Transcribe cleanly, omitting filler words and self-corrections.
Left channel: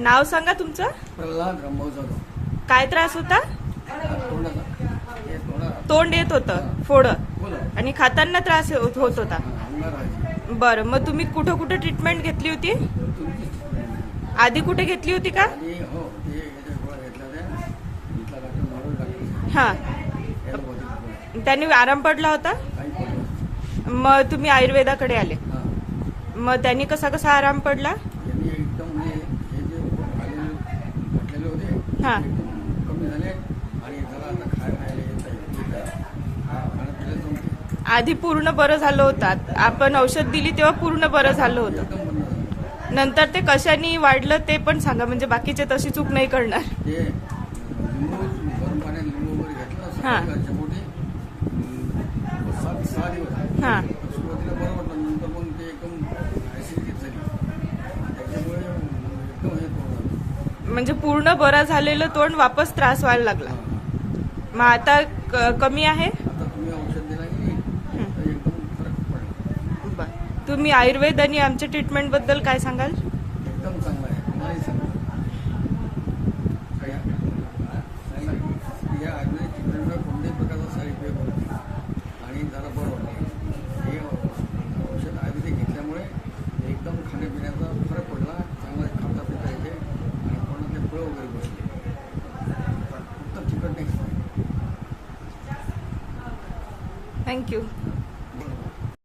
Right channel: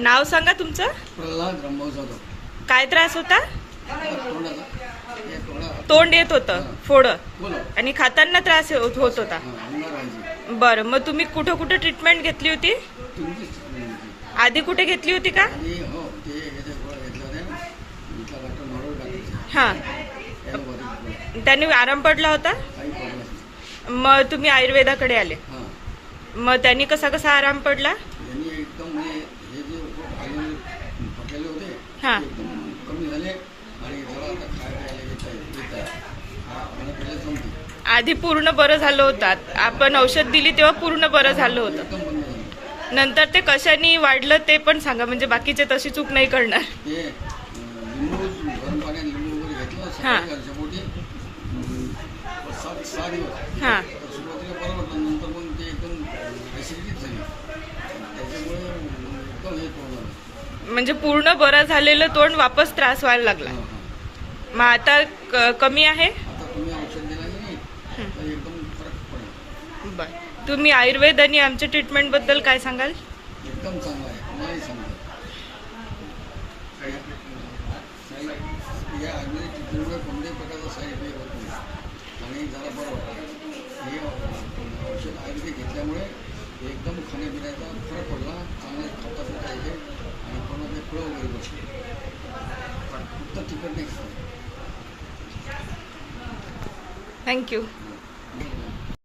नाव सांगा तुमचं. प्रल्हाद रामभाऊ जाधव. काय त्रास होता? तोंडाचा हे थोडा तोंड येत होतं फोड बोला. आणि खाताना त्रास होत होता. अंगार व्हायची. बरं, मग तुम्ही कुठं कुठं ट्रीटमेंट घेतली होती? तुमचीच आधी कुठे घेतली होती का? आणि हो ते याच्या गोळ्या घेतल्या होत्या. इथला डॉक्टर नॉर्मल डॉक्टर हां, ॲलोपॅथिक गोळ्या त्याने आराम पडला होता. काही पडलं नाही. मग तुम्ही आयुर्वेदाकडे आले. हां मग त्यांनी कसा कसा आराम पडला? यांनी एकदम म्हणजे हे जे खाली पडलेले होते हां. ते एकदम कमी झाले आणि जरा आता खायला येत आहे खाणं पिलं जमते. आधी पूर्ण बरं झालं होतं. आपण औषध दिली तेव्हा पूर्ण बरं झालं होतं. एकदम बंद झालं. नंतर ते कशाने वाढलं ते पण सांगा, म्हणजे बाकीचे तशी चूक नाही करणार. ते लिंबू गरम पाण्यात लिंबू वगैरे घेतलं हां. सकाळच्या मोठी 6 दिवस. हां. सुरुवातीला बरं वाटलं, नंतर मग ते एकदम ॲसिडिटी झाली. त्याच्यामुळे एकदम हे झालं. म्हणजे पूर्ण बरं झालेलं तोंड वापस त्रास व्हायला लागला. हां हां. मग आता कमी आहे. आता तुम्ही औषध दिला की नाही तर एकदम फरक पडला. बरं, तुम्ही आयुर्वेद आणि आमच्या ट्रीटमेंट बद्दल काय सांगाल? एकदम चांगला आहे. मलाही चांगलं या आयुर्वेदिक ट्रीटमेंटमुळे कोणत्याही प्रकारचा साईड इफेक्ट होत नाही आणि जरा बरं वाटलं. हे औषध आयुर्वेदिक घेतल्यामुळे एकदम खाण्यापिण्याचा फरक पडला. चांगला खाता पिता येते आणि कोणाचे फळं वगैरे बसले. फक्त तिखट नाही. थँक्यू.